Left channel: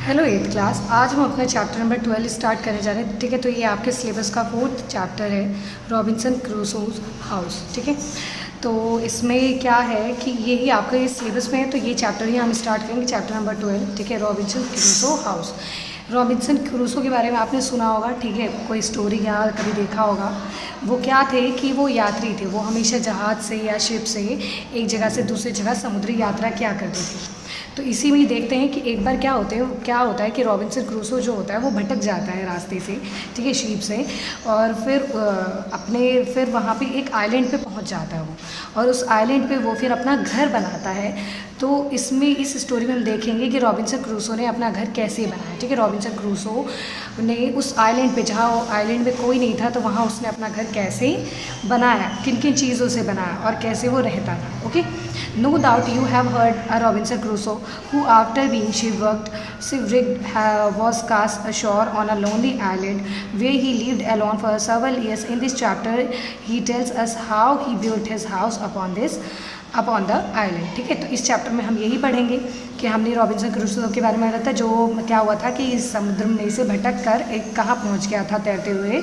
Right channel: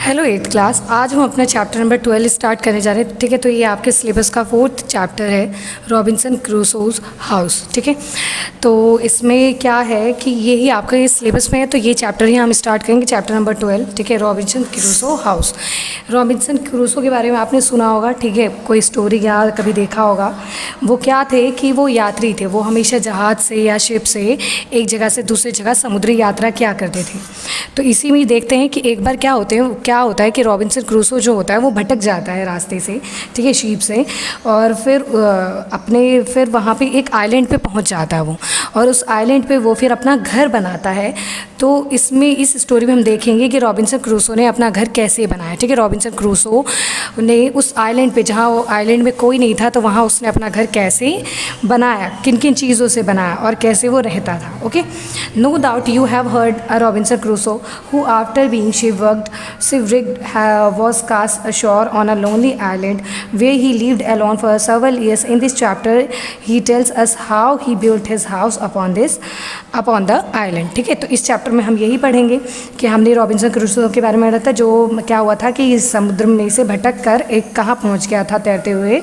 Hello eighth class. आज हम अपना चैप्टर नंबर 12 स्टार्ट करने जा रहे हैं। ठीक है, तो ये आपके सिलेबस का 4th चैप्टर है, रॉबिन्सन क्रूसोज हाउस। ठीक है, तो इसमें क्या है कि यही आपका ये सिलेबस में है, तो ये चैप्टर ही हम स्टार्ट करेंगे, चैप्टर नंबर 12। ठीक है, Robinson Crusoe house. Robinson Crusoe के बारे में आपने सुना होगा, ठीक है, कोई स्टोरी या कभी देखा होगा। वो क्या थे कि वो यात्री थे, वो हमेशा जहाज़ से या शिप से एक जगह से दूसरी जगह समुद्री यात्रा किया करते थे। तो इसी में देखते हैं कि एक बार क्या होता है कि रॉबिन्सन क्रूसो जो होता है वो भटक जाता है रास्ते से, ठीक है, शिप से, और फिर वहाँ पे एक आइलैंड पे पहुँच जाता है वो, और उस आइलैंड पे वो फिर अपना घर बनाता है। तो इस स्टोरी में हम देखेंगे कि रॉबिन्सन क्रूसो ने अपना घर कैसे बनाया। ठीक है, रॉबिन्सन क्रूसो ने उस आइलैंड पे, जहाँ वो आइलैंड में कोई नहीं था, तो वहाँ उसने अपना घर कैसे बनाया, किन किन चीज़ों से बनाया और कैसे वो रहता था। Okay, no doubt you have heard a Robinson Crusoe who after being shipwrecked was cast ashore on a lonely island where he lived alone for several years. In this chapter he tells us how he built his house upon the island. ठीक है, तो इस chapter में हम यही पढ़ेंगे कि हमने रॉबिन्सन क्रूसो के बारे में था, जो क्या हुआ था कि इस समुद्र में से भटक कर एक कहाँ पहुँच गया था, तैरते हुए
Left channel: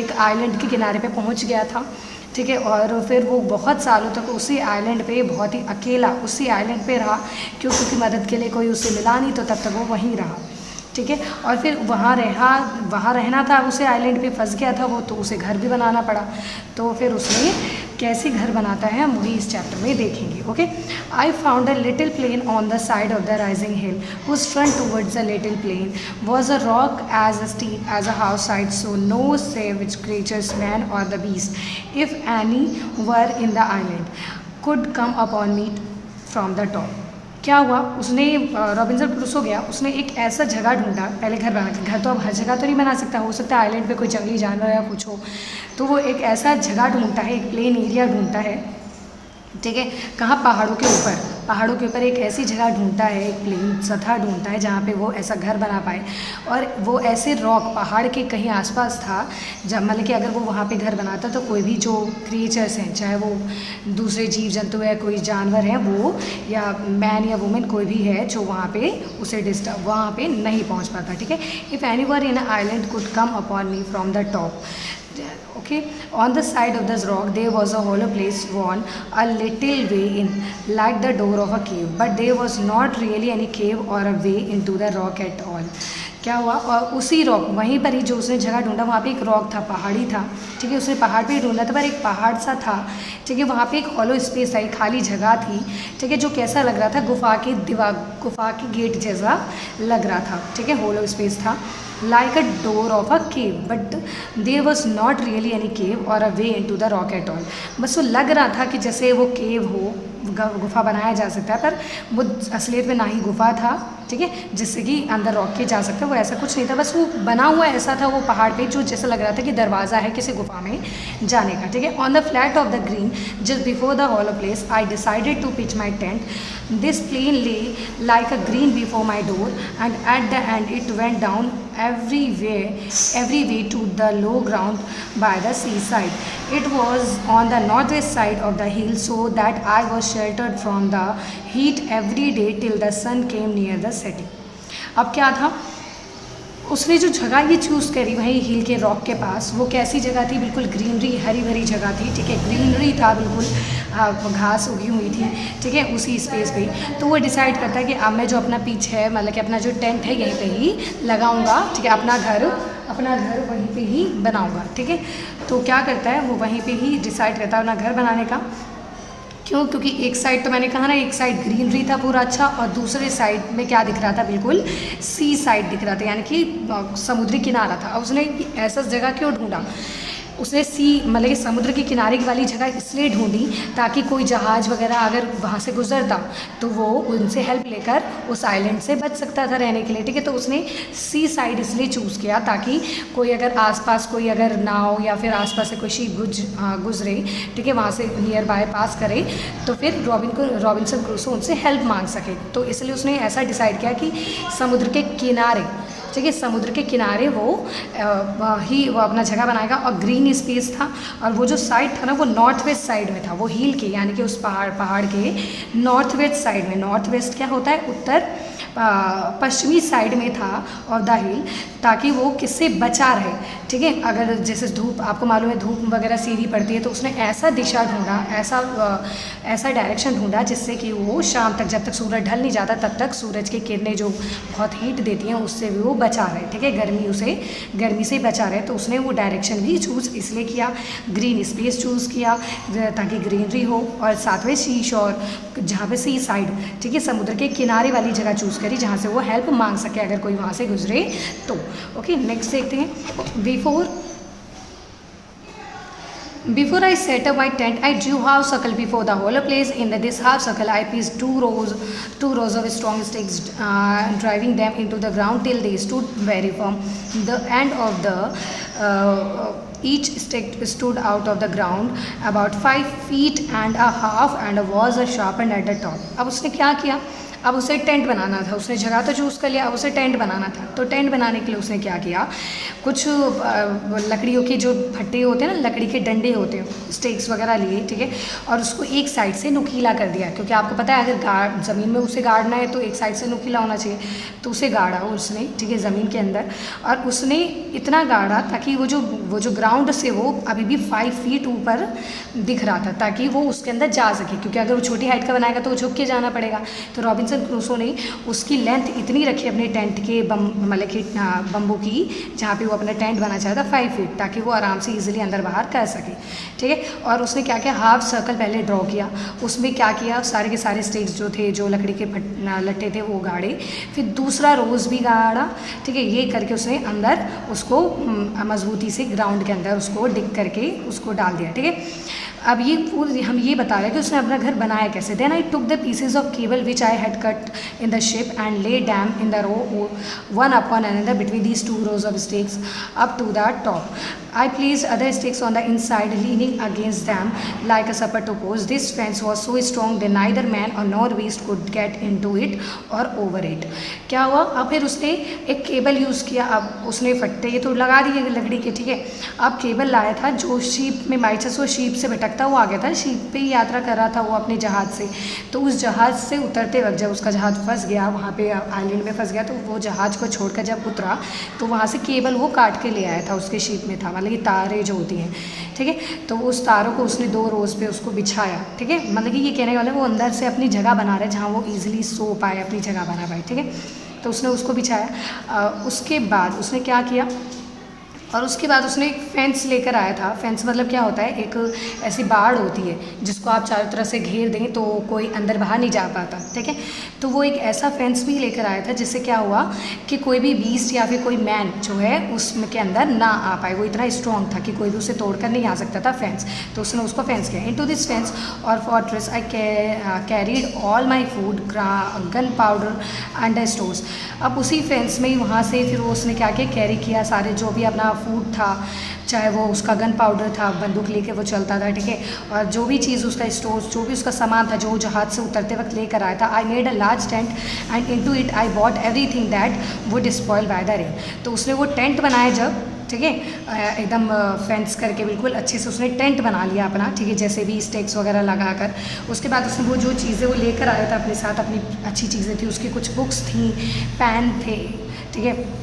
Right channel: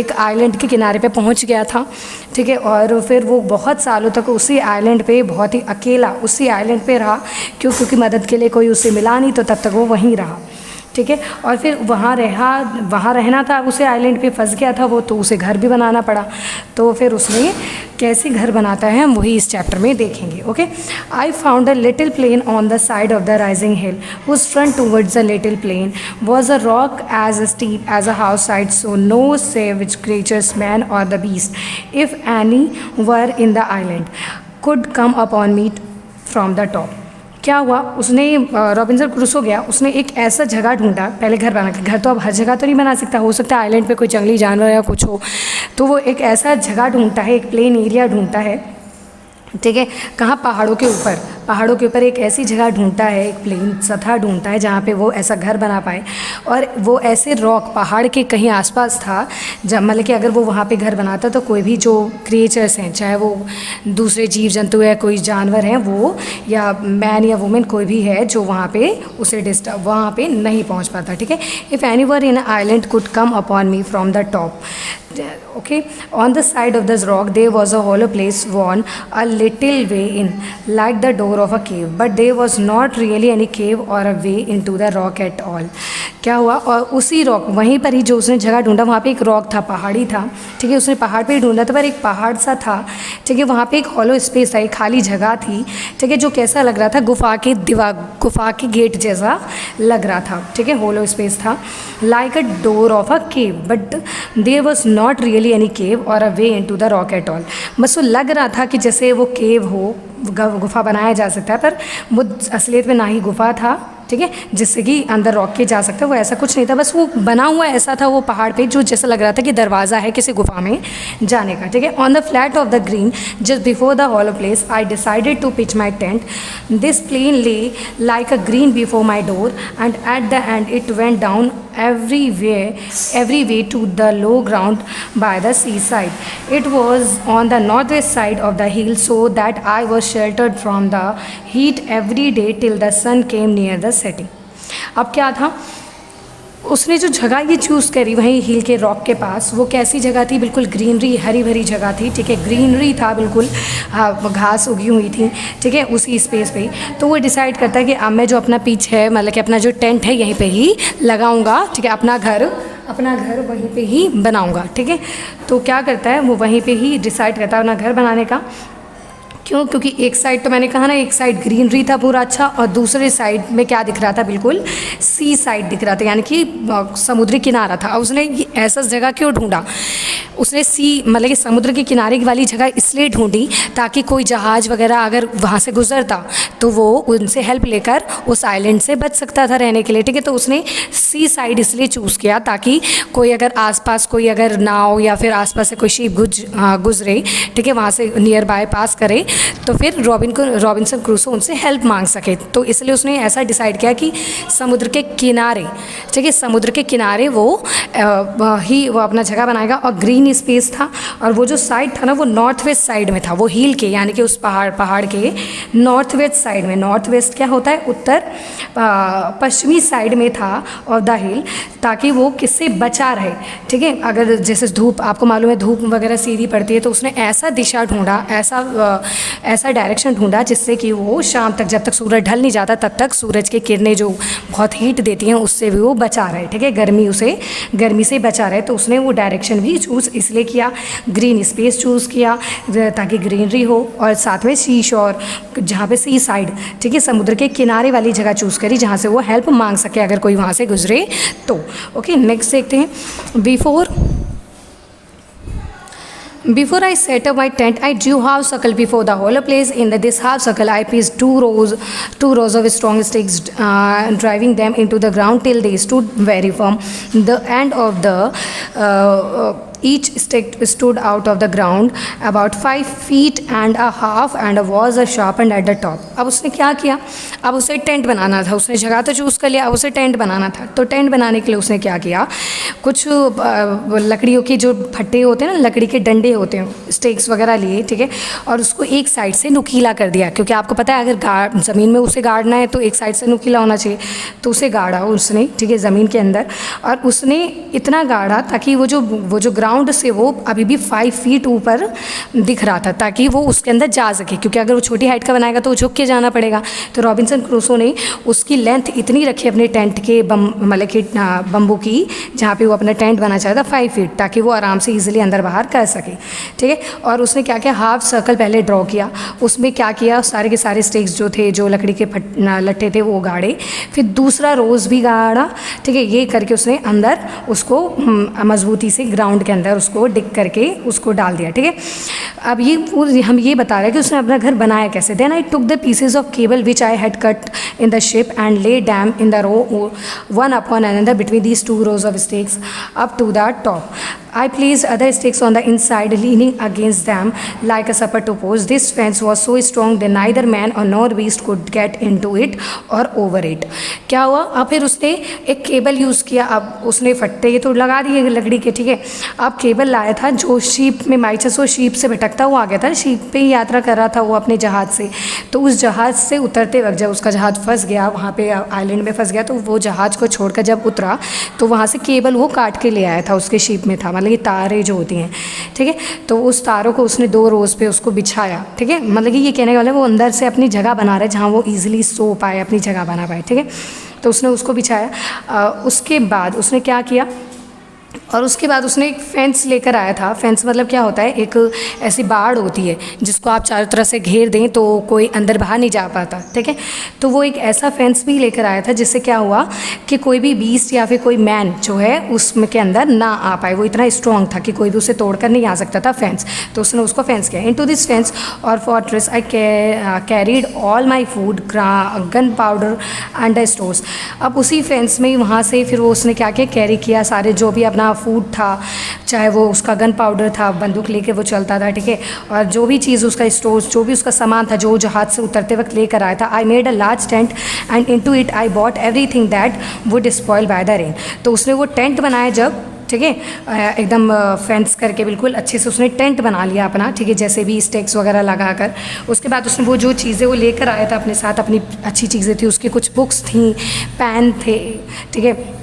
एक आइलैंड के किनारे पे पहुँच गया था। ठीक है, और फिर वो बहुत सालों तक उसी आइलैंड पे बहुत ही अकेला उसी आइलैंड पे रहा, क्योंकि मदद के लिए कोई उससे मिला नहीं, तो तब तक वो वहीं रहा। ठीक है, और फिर वहाँ रहना था, उसे आइलैंड पे फंस गया था वो, तो उसे घर भी बनाना पड़ा। तो फिर उसने कैसे घर बनाता है हम वही इस चैप्टर में देखेंगे। Okay, I found a little plain on the side of the rising hill whose front towards the little plain was a rock as steep as a house side, so no savage creatures, man और the beast, if any were in the island, could come upon me from the top. क्या हुआ, उसने Robinson Crusoe गया, उसने एक ऐसा जगह ढूंढा, पहले घर बना के, घर तो अब हर जगह तो नहीं बना सकता, हो सकता है आइलैंड पे कोई जंगली जानवर या कुछ हो, तो वो एक ऐसा जगह ढूंढता है, एक प्लेन एरिया ढूंढता है। ठीक है, कहाँ, पहाड़ों के ऊपर एक ऐसी जगह ढूंढता है, एक प्लेन सतह ढूंढता है जहाँ पे वो ऐसा घर बना पाए, और वो ऐसे रॉक पहाड़ के कहीं आसपास था, जब मतलब कि अगर वो वहाँ पे घर बनाता तो कोई भी जो क्रिएचर्स हैं, चाहे वो दूसरे जीव जंतु है, कोई जानवर हैं वो, या मैन या वुमेन कोई भी है, जो वहाँ पे उसे डिस्टर्ब वहाँ पे नहीं पहुँच पाता। ठीक है, if any were in island could come upon me from the top. Okay, on the side of this rock there was a hollow place worn a little way in, like the door of a cave, but there was not really any cave or a way into the rock at all. क्या हुआ, और उसी rock, वहीं पर ही जो उसने जगह ढूंढा, वहाँ पे एक रॉक था, पहाड़ी था। ठीक है, उसने पहाड़ पे ही ढूंढा था, पर एक पहाड़ सा था। ठीक है, वहाँ पे एक हॉलो स्पेस था, एक खाली जगह थी। ठीक है, जो कैसा लग रहा था, गुफा के गेट जैसा लग रहा था। ठीक है, हॉलो स्पेस था, like a door of a cave, but there was not really any cave or a way into the rock at all. बस वो लग रहा था कि जैसे वो केव हो, गुफा बनाया जा सकता है, पर वो असलियत में ना ही गुफा था। ठीक है, जिससे कि अंदर रॉक के जा सकता है, वो ऐसा कुछ नहीं था, बस वो बना हुआ ऐसा था वो पहाड़ पे, जो जैसा लग रहा था कि दरवाज़ा है किसी गुफा में जाने का। ठीक है, on the flat of the green just before the hollow place I decided to pitch my tent. This plain lay like a green before my door and at the end it went down every way to the low ground by the seaside. It was on the northwest side of the hill, so that I was sheltered from the heat every day till the sun came near the setting. अब क्या था, उसने जो जगह ये choose करी वहीं हिल के रॉक के पास, वो कैसी जगह थी, बिल्कुल ग्रीनरी, हरी भरी जगह थी। ठीक है, ग्रीनरी था बिल्कुल, घास उगी हुई थी। ठीक है, उसी स्पेस पे तो वो डिसाइड करता है कि अब मैं जो अपना पिच है, मतलब कि अपना जो टेंट है, यहीं पे ही लगाऊंगा। ठीक है, अपना घर वहीं पे ही बनाऊंगा। ठीक है, तो क्या करता है वो, वहीं पे ही डिसाइड करता है अपना घर बनाने का। क्यों, क्योंकि एक साइड तो मैंने कहा ना, एक साइड ग्रीनरी था पूरा अच्छा, और दूसरे साइड में क्या दिख रहा था, बिल्कुल सी साइड दिख रहा था, यानी कि समुद्री किनारा था। उसने ऐसा जगह क्यों ढूंढा, उसने मतलब कि समुद्र के किनारे वाली जगह इसलिए ढूंढी ताकि कोई जहाज़ वगैरह अगर वहाँ से गुजरता तो वो उनसे हेल्प लेकर उस आइलैंड से बच सकता था रहने के लिए। ठीक है, तो उसने सी साइड इसलिए चूज़ किया ताकि कोई अगर आसपास कोई अगर नाव या फिर आसपास से कोई शिप गुजरे, ठीक है, वहाँ से नियर बाय पास करे, तो फिर रॉबिन्सन क्रूसो उनसे हेल्प मांग सके। तो इसलिए उसने ऐसा डिसाइड किया कि समुद्र के किनारे, ठीक है, समुद्र के किनारे वो ही वो अपना जगह बनाएगा। और ग्रीन स्पेस था, और वो जो साइड था ना वो नॉर्थ वेस्ट साइड में था, वो हिल के यानी कि उस पहाड़ के नॉर्थ वेस्ट साइड में। नॉर्थ वेस्ट क्या होता है, उत्तर पश्चिमी साइड में था ऑफ द हिल, ताकि वो किससे बचा रहे। ठीक है, अगर जैसे धूप, आपको मालूम है धूप वगैरह सीधी पड़ती है, तो उसने ऐसा दिशा ढूंढा, ऐसा डायरेक्शन ढूंढा जिससे कि वो शाम तक, जब तक सूरज ढल नहीं जाता तब तक सूरज की किरणें जो बहुत हीट देती हैं उससे भी वो बचा रहे। ठीक है, गर्मी से बचा रहे। तो उसने वो डायरेक्शन भी चूज़ इसलिए किया, ग्रीन स्पेस चूज़ किया ताकि ग्रीनरी हो, और साथ में सी शोर, जहाँ पे सी साइड, ठीक है, समुद्र के किनारे वाली जगह चूज़ करी जहाँ से वो हेल्प मांग सके अगर कोई वहाँ से गुजरे तो। ओके, नेक्स्ट देखते हैं। Before I set up my tent, I drew half circle before the hollow place. In this half circle, I placed two rows of strong sticks, driving them into the ground till they stood very firm. The end of each stick stood out of the ground about 5 feet and a half and was sharpened at the top. अब उसने क्या किया, अब उसे tent बनाना था। उसने जगह तो चूज़ कर लिया, अब उसे टेंट बनाना था। तो टेंट बनाने के लिए उसने क्या किया, कुछ लकड़ियों के जो फट्टे होते हैं ना, लकड़ी के डंडे होते हैं, स्टेक्स वगैरह लिए, ठीक है, और उसको एक साइड से नुकीला कर दिया, क्योंकि आपको पता है अगर ज़मीन में उसे गाड़ना है तो एक साइड से नुकीला होना चाहिए। तो उसे गाड़ा उसने, ठीक है, ज़मीन के अंदर, और उसने इतना गाड़ा ताकि वो जो ग्राउंड से वो अभी भी 5 फीट ऊपर दिख रहा था, ताकि वो उसके अंदर जा सके, क्योंकि अगर वो छोटी हाइट का बनाएगा तो वो झुक के जाना पड़ेगा। तो रॉबिन्सन क्रूसो ने उसकी लेंथ इतनी रखी अपने टेंट के मतलब कि बम्बू की, जहाँ पे वो अपना टेंट बनाना चाहता 5 फीट, ताकि वो आराम से ईजिली अंदर बाहर कर सके। ठीक है, और उसने क्या किया, हाफ सर्कल पहले ड्रॉ किया, उसमें क्या किया, सारे के सारे स्टिक्स जो थे, जो लकड़ी के लट्ठे थे वो गाड़े, फिर दूसरा रोज़ भी गाड़ा। ठीक है, ये करके उसने अंदर उसको मजबूती से ग्राउंड के अंदर उसको डिग करके उसको डाल दिया। ठीक है, अब हम ये बता रहे हैं कि उसने अपना घर बनाया कैसे। Then I took the pieces of cable which I had cut in the ship and lay them in the row one upon another between these 2 rows of stakes up to the top. I placed other stakes on the inside, leaning against them like a supper to post. This fence was so strong that neither man or nor beast could get into it or over it. क्या हुआ, अब फिर उसने एक cable use किया। अब उसने फट्टे तो लगा दिए लकड़ी के, ठीक है, अब केबल लाया था जो शीप में माइचस वो शीप से भटकता हुआ आ गया था, शीप पे ही यात्रा कर रहा था वो अपने जहाज़ से। तो उस जहाज़ से उतरते वक्त जब उसका जहाज़ फंस गया, वहाँ पे आइलैंड में फंस गया, तो वो जहाज़ को छोड़कर जब उतरा तो वहाँ से केबल वो काट के ले आया था, उसके शीप में था, मतलब ये तारें जो होती हैं। ठीक है, तो उस तारों को उसने 2 रोज़ पे उसको बिछाया। ठीक है, मतलब कि ये कहने वाला वो अंदर से अपनी जगह बना रहा है जहाँ वो ईजिली सो पाए, अपनी जगह बना पाए। ठीक है, तो उसने उसको बिछाया। उसके बाद उसने क्या किया, और उसके बाद उसने एक फेंस लेकर आया था। फेंस मतलब क्या होता है, एक ऐसी बाड़ होती है जिसको आप चारों तरफ से घेर दें तो कोई अंदर बाहर नहीं जा पाता। ठीक है, तो वो एक ऐसा फेंस भी लेकर आया था जिससे क्या हुआ कि कोई भी बीस्ट या फिर कोई मैन जो है उसमें के अंदर ना आ पाए। वो इतना स्ट्रॉन्ग था कि कोई भी उसे तोड़कर नहीं आ सकता था फेंस। तो उसने उसको फेंस किया। इनटू दिस फेंस और फॉर्ट्रेस आई carried all my food, gun powder and the stores. अब उसी फेंस में ही वहाँ से फिर वो उसने क्या क्या कैरी किया, सारे जो भी अपना फूड था, चाहे वो उसका गन पाउडर था, बंदूक लेके वो चलता था। ठीक है, और जो भी चीज़ उसका स्टोर्स, जो भी उसका सामान था जो जहाज से उतरते वक्त लेकर आया था। आई made a large tent and into it I bought everything that would spoil by the rain. तो उसने वो टेंट बनाया जब, ठीक है, एकदम फेंस करके बिल्कुल अच्छे से उसने टेंट बना लिया अपना। ठीक है, जैसे भी स्टेक्स वगैरह लगाकर। उसके बाद उसने वो जो चीज़ें वो लेकर आया था अपने साथ, अपनी अच्छी चीज़ें थी, उसकी कुछ बुक्स थी, पेन थे, ठीक है,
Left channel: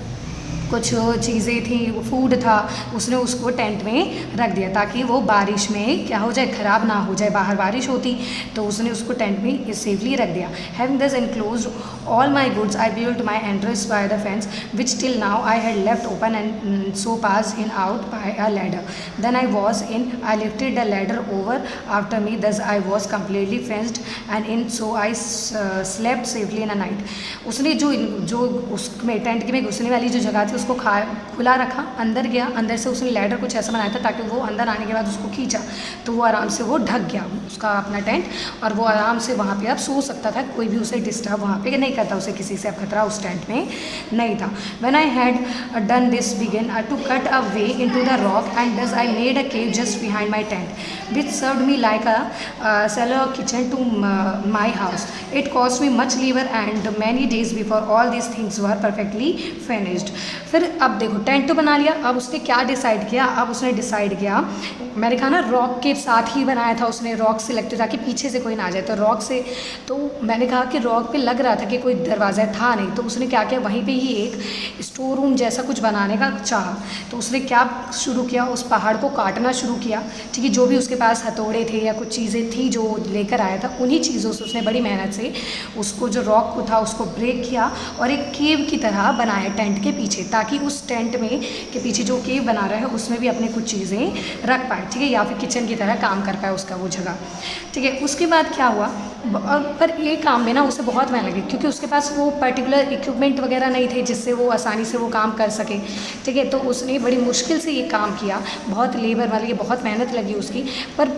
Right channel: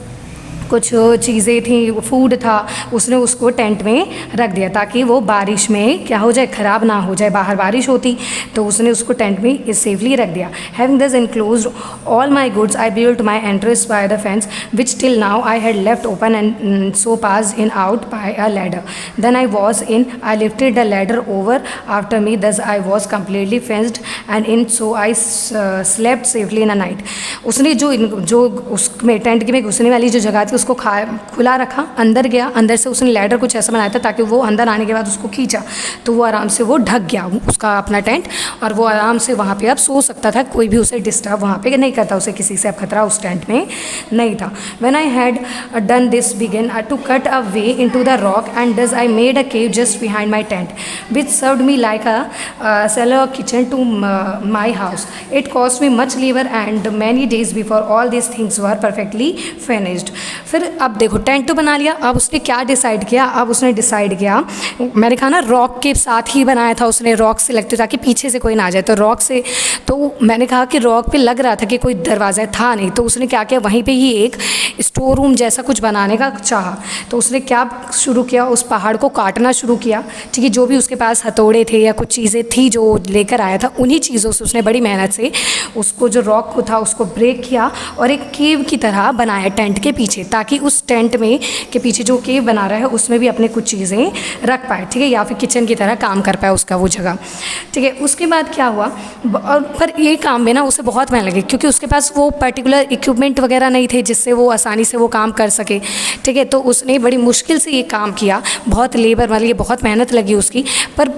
कुछ चीज़ें थी, फूड था, उसने उसको टेंट में रख दिया ताकि वो बारिश में क्या हो जाए, ख़राब ना हो जाए। बाहर बारिश होती तो उसने उसको टेंट में सेफली रख दिया। Having this enclosed all my goods I built my entrance by the fence which till now I had left open and so pass in out by a ladder. Then I was in, I lifted the ladder over after me, thus I was completely fenced and in so I slept safely in a night. उसने जो उसमें tent में घुसने वाली जो जगह थी उसको खुला रखा, अंदर गया, अंदर से उसने लैडर कुछ ऐसा बनाया था ताकि वो अंदर आने के बाद उसको खींचा तो वो आराम से वो ढक गया उसका अपना टेंट, और वो आराम से वहाँ पे अब सो सकता था, कोई भी उसे डिस्टर्ब वहाँ पे नहीं करता, उसे किसी से अब खतरा उस टेंट में नहीं था। When I had done this began to cut a way into the rock and thus I made a cave just behind my tent which served me like a cellar kitchen to my house. It cost me much labour and many days before all this things were perfectly finished. फिर अब देखो tent तो बना लिया, अब उसने क्या decide किया, अब उसने डिसाइड किया, मैंने कहा ना रॉक के साथ ही बनाया था उसने, रॉक से लगते ताकि पीछे से कोई ना आ जाए, तो रॉक से, तो मैंने कहा कि रॉक पे लग रहा था कि कोई दरवाज़ा था नहीं, तो उसने क्या किया वहीं पे ही एक स्टोर रूम जैसा कुछ बनाने का चाहा। तो उसने क्या शुरू किया, उस पहाड़ को काटना शुरू किया, ठीक है, जो भी उसके पास हथौड़े थे या कुछ चीज़ें थी जो लेकर आया था, उन्हीं चीज़ों से उसने बड़ी मेहनत से उसको जो रॉक को था उसको ब्रेक किया और एक केव की तरह बनाया टेंट के पीछे, ताकि उस टेंट में के पीछे जो केव बना रहा है उसमें भी अपने कुछ चीज़ें रख पाए, ठीक है, या फिर किचन की तरह काम कर पाए उसका वो जगह, ठीक है। उसके बाद क्या हुआ, और पर ये काम में ना उसे बहुत मेहनत लगी, क्योंकि उसके पास वो पर्टिकुलर इक्विपमेंट वगैरह नहीं थे जिससे वो आसानी से वो काम कर सके, ठीक है। तो उसने बड़ी मुश्किल से ये काम किया, बहुत लेबर वाली, बहुत मेहनत लगी उसकी, पर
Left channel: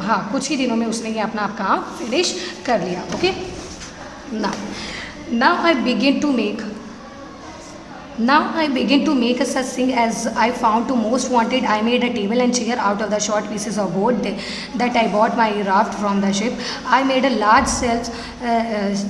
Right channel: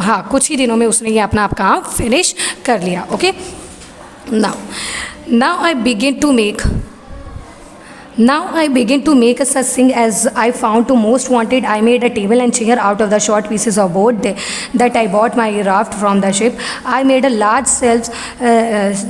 हाँ कुछ ही दिनों में उसने ये अपना आप काम फिनिश कर लिया। Okay, now I begin to make Now I begin to make such thing as I found to most wanted. I made a table and chair out of the short pieces of board that I bought my raft from the ship. I made a large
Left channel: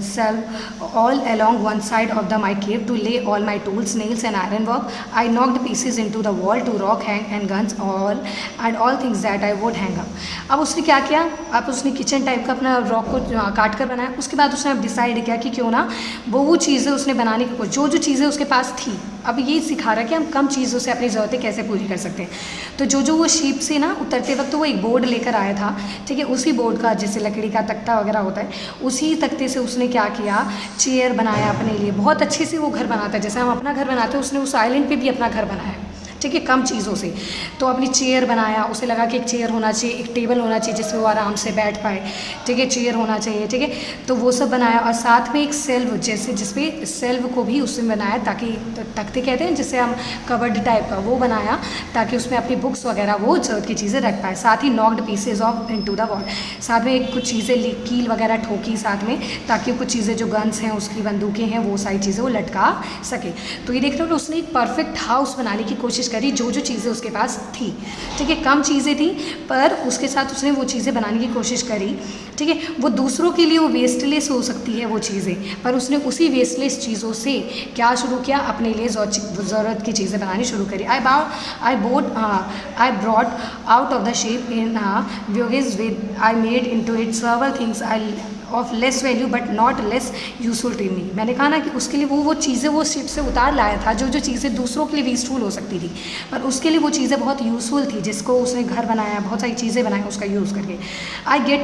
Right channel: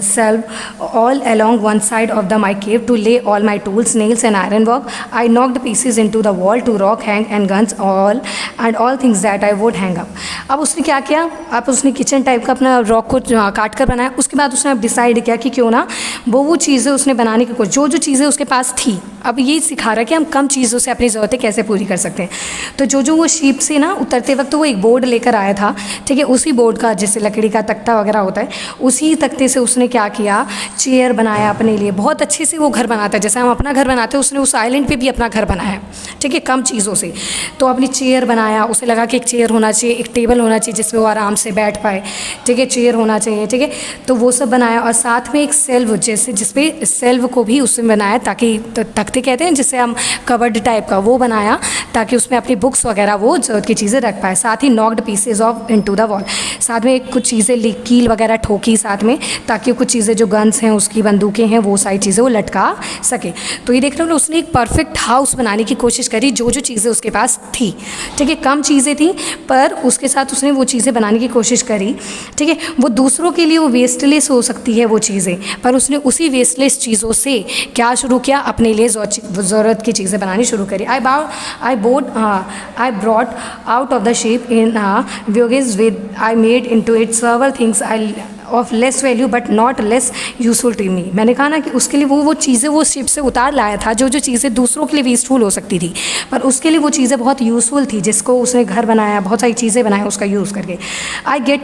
shelf all along one side of my cave to lay all my tools, nails and iron work. I knocked pieces into the wall to rock, hang and guns all things that I would hang up. अब उसने क्या किया, अब उसने kitchen type का अपना rock को काट कर बनाया। उसके बाद उसने अब डिसाइड किया कि क्यों ना वो चीज़ें उसने बनाने की जो चीज़ें उसके पास थी, अब ये सिखा रहा है कि हम कम चीज़ों से अपनी ज़रूरतें कैसे पूरी कर सकते हैं। तो जो वो शीप से ना उतरते वक्त वो एक बोर्ड लेकर आया था, ठीक है, उसी बोर्ड का जैसे लकड़ी का तख्ता वगैरह होता है, उसी तख्ते से उसने क्या किया, चेयर बनाया अपने लिए। बहुत अच्छे से वो घर बनाता है, जैसे हम अपना घर बनाते हैं, उसने उस आइलैंड पे भी अपना घर बनाया, ठीक है, कम चीज़ों से। तो अपनी चेयर बनाया, उसे लगा कि एक चेयर होना चाहिए, एक टेबल होना चाहिए जिसमें वो आराम से बैठ पाए, ठीक है, चेयर होना चाहिए, ठीक है। तो वो सब बनाया और साथ में एक सेल्व जैसे जिसपे सेल्व को भी उसने बनाया, ताकि तख्ते कहते हैं जिससे हम कवर्ड टाइप का, वो बनाया ताकि उसमें अपनी बुक्स वगैरह वो ज़रूरत की चीज़ें रख पाए। साथ ही knocked pieces of into the wall, साथ में कुछ चीज़ें कील वगैरह ठोकी साथ में, ताकि कुछ चीज़ें जो गन्स हैं उसकी बंदूकें हैं वो सारी चीज़ें वो लटका सके। तो ये देख रहे हो उसने एक परफेक्ट हाउस बनाने की कोशिश करी, जो चीज़ें उसके पास थी, ठीक है, कम चीज़ें थी पर उसके साथ उसने वो चीज़ें बनाने की कोशिश करी, ठीक है। वो दूसरों के लिए वो वेस्टलेस हो सकती है वो चीज़ें, पर उसने उसी वेस्टलेस चीज़ों से क्या शुरू किया, अपने लिए ज़रूरत की चीज़ें बनानी शुरू करी। I brought out of the ship in voyage with I made into it several things I of less value but not less useful to me. मैंने कहा ना कि उसके लिए वो चीज़ें वो शिप से उतार लाया था, जो चीज़ें दूसरों के लिए वेस्टफुल हो सकती थी, पर उसके लिए वो चीज़ें बहुत यूज़फुल थी, जिसको उसने घर बनाया, बहुत सारी चीज़ें बनाया उसका यूज़ करके। आई गेट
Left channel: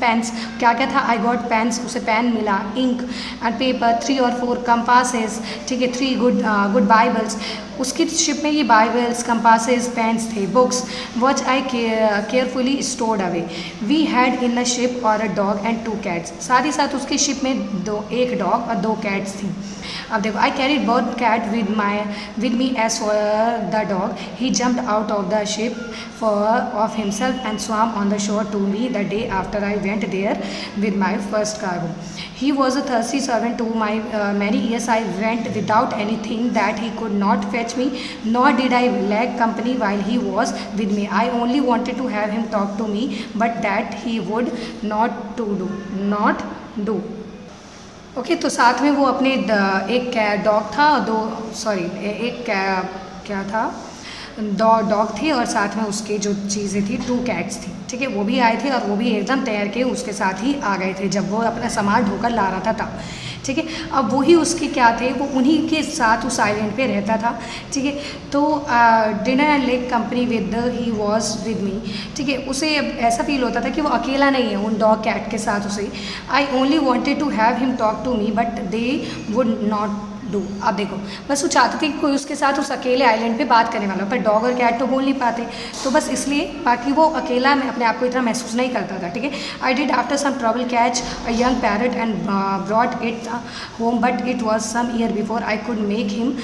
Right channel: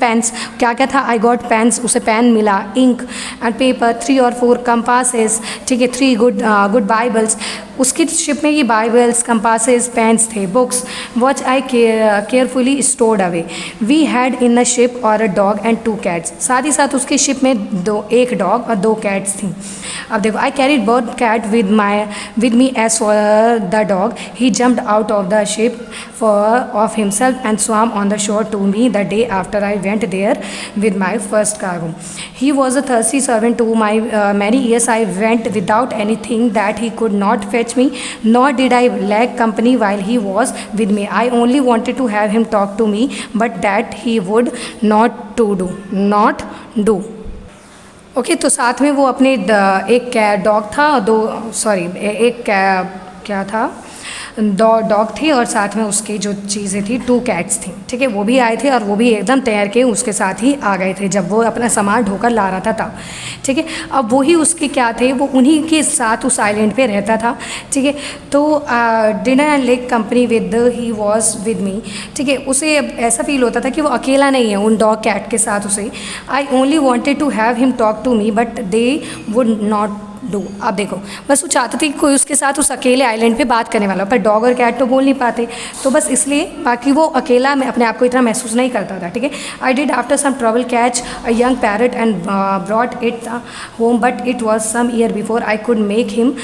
पेन्स, क्या क्या था, आई गॉट पेन्स, उसे पेन मिला, इंक एंड पेपर, 3 और 4 कंपासेस, ठीक है, 3 गुड बाइबल्स। उसकी शिप में ये बाइबल्स, कंपासेस, पेन्स थे, books watch I carefully stored away. We had in the ship और अ डॉग एंड 2 कैट्स, साथ ही साथ उसके शिप में एक डॉग और 2 कैट्स थी। अब देखो, I carried both cat with me as for the dog he jumped out of the ship of himself and swam on the shore to me the day after I went there with my first cargo. He was a thirsty servant to my many years. I went without anything that he could not fetch me, nor did I lack company while he was with me. I only wanted to have him talk to me, but that he would not do. Okay, तो साथ में वो अपने एक dog था, क्या था, dog थी और साथ में उसकी जो चीज़ें थी 2 कैट्स थी, ठीक है, वो भी आए थे और वो भी एकदम तैर के उसके साथ ही आ गए थे जब वो अपना सामान ढोकर ला रहा था तब, ठीक है। अब वही उसके क्या थे, वो उन्हीं के साथ उस आइलैंड पे रहता था, ठीक है। तो dinner and lake company with he was with me, ठीक है। उसे ऐसा फील होता था कि वो अकेला नहीं है उन डॉग कैट के साथ उसे। I only wanted to have him talk to me but they would not do. अब देखो, बस वो चाहते थे कि कोई उसके साथ उस अकेले आइलैंड पे बात करने वाला, पर डॉग और कैट तो बोल नहीं पाते, तो बस इसलिए, बाकी वो अकेला में अपने आप को इतना महसूस नहीं करता था, ठीक है। I did after some trouble catch a young parrot and brought it home but it was some year before I could make him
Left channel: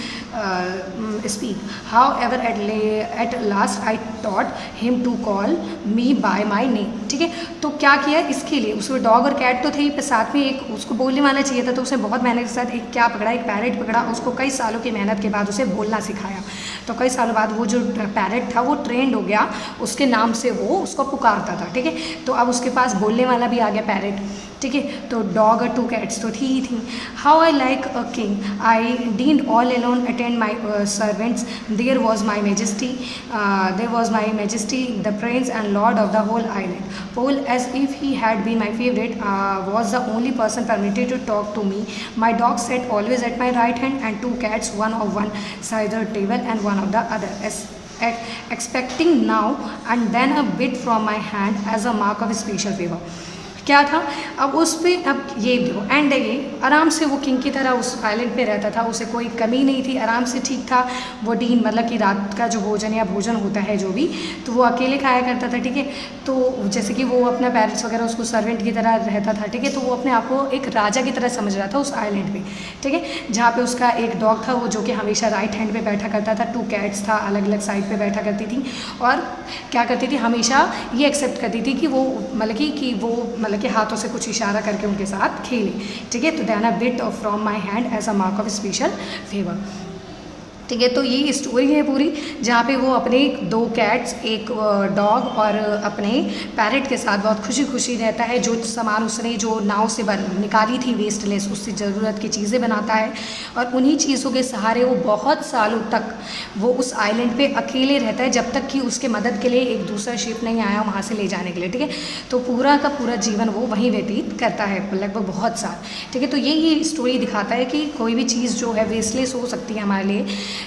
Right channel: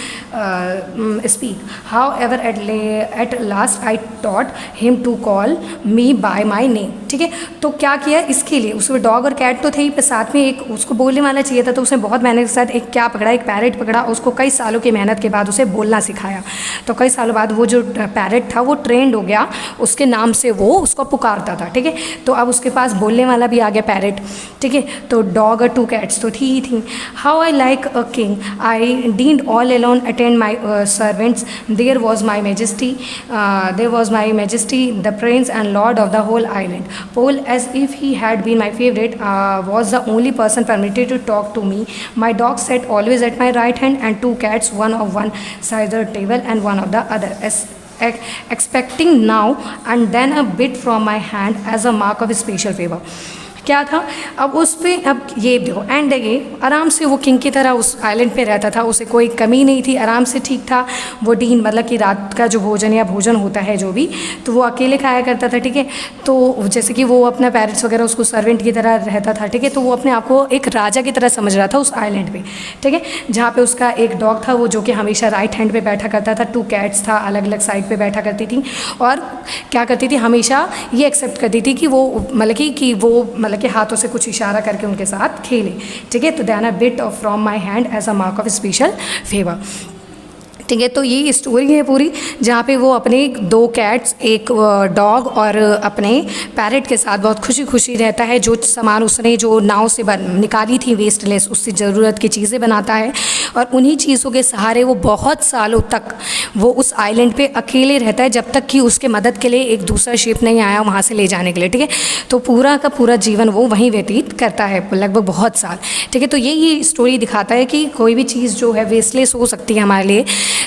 speak. However at last I taught him to call me by my name, ठीक है। तो क्या किया इसके लिए, उसमें dog और cat तो थे ही, पर साथ में एक उसको बोलने वाला चाहिए था, तो उसने बहुत मेहनत के साथ एक क्या पकड़ा, एक पैरट पैरेट पकड़ा, उसको कई सालों की मेहनत के बाद उसे बोलना सिखाया। तो कई सालों बाद वो जो पैरेट था वो ट्रेंड हो गया, उसके नाम से वो उसको पुकारता था, ठीक है। तो अब उसके पास बोलने वाला भी आ गया पैरेट, ठीक है। तो डॉग और 2 cats तो थी। How I like a king, I dined all alone attend my servants, there was my majesty, the prince and lord of the whole island. Poll as if he had been my favourite was the only person permitted to talk to me. My dog sat always at my right hand, and 2 cats, one on one side of the table and one on the other, expecting now and then a bit from my hand as a mark of special favor. क्या था अब उस पर, अब ये देखो and ये आराम से वो किंग की तरह उस आइलैंड पे रहता था, उसे कोई कमी नहीं थी, आराम से ठीक था। वो डीन मतलब कि रात का जो भोजन या भोजन होता है जो भी, तो वो अकेले खाया करता था, ठीक है। तो जैसे कि वो अपना पैरेट्स वगैरह उसको सर्वेंट की तरह रहता था, ठीक है। तो वो अपने आप को एक राजा की तरह समझ रहा था उस आइलैंड पे, ठीक है। जहाँ पे उसका एक डॉग था वो जो कि हमेशा राइट हैंड पे बैठा करता था, 2 cats था अलग अलग साइड पे बैठा करती थी, और क्या करती थी हमेशा ये एक्सेप्ट करती थी कि वो मतलब कि वो के हाथों से कुछ इशारा करके उनके साथ खेले, ठीक है। तो then a bit of from my hand as a mark of special favour, ठीक है। तो ये स्टोरी है पूरी, जहाँ पे वो अपने 2 cats, एक डॉग और अपने पैरेट के साथ बहुत खुशी खुशी रहता है। जो सामान उसने जो नाव से निकाली थी वेस्टलेस, उससे ज़रूरत की चीज़ें बनाता है, और उन्हीं चीज़ों के सहारे वो बहुत सालों तक वो उस आइलैंड पे अकेले रहता है, जब तक कि उसके मदद के लिए एक दूसरा शिप नहीं आया वहाँ से ले जाने के लिए, ठीक है। तो पूरा का पूरा जीवन वो वहीं व्यतीत करता है, लगभग बहुत साल, ठीक है। तो यही स्टोरी दिखाता है कि कोई भी चीज़ जो है वेस्टलेस हो सकती है हमारे लिए,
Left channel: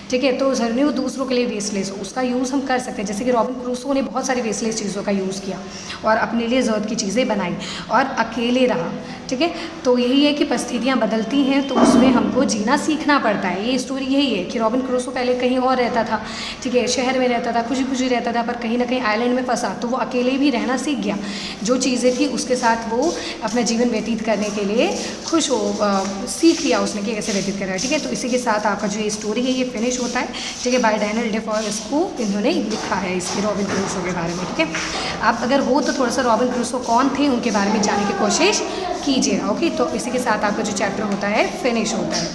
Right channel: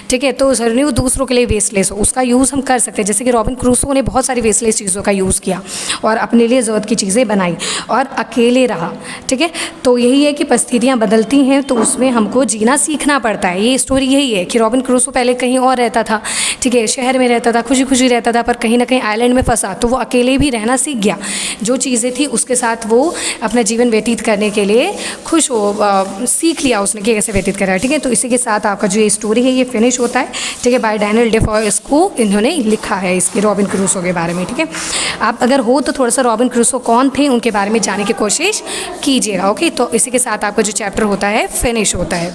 ठीक है। तो ज़रूरी वो दूसरों के लिए वेस्टलेस हो, उसका यूज़ हम कर सकते हैं। जैसे कि रॉबिन क्रूसो ने बहुत सारी वेस्टलेस चीज़ों का यूज़ किया और अपने लिए ज़रूरत की चीज़ें बनाई और अकेले रहा, ठीक है। तो यही है कि परिस्थितियाँ बदलती हैं तो उसमें हमको जीना सीखना पड़ता है। ये स्टोरी यही है कि रॉबिन क्रूसो पहले कहीं और रहता था, ठीक है, शहर में रहता था, खुशी खुशी रहता था, पर कहीं ना कहीं आइलैंड में फंसा तो वो अकेले भी रहना सीख गया। जो चीज़ें थी उसके साथ वो अपना जीवन व्यतीत करने के लिए खुश हो सीख लिया उसने कि कैसे व्यतीत करा, ठीक है। तो इसी के साथ आपका जो ये स्टोरी है ये फिनिश होता है, ठीक है। बाय डैनियल डेफॉय इसको इन्होंने लिखा है इसके रॉबिन क्रूसो के बारे में, ठीक है। आप अगर हो तो थोड़ा सा रॉबिन क्रूसो कौन थे उनके बारे में जानने की कोशिश कीजिएगा, ओके। तो इसी के साथ आपका जो चैप्टर होता है फिनिश होता है।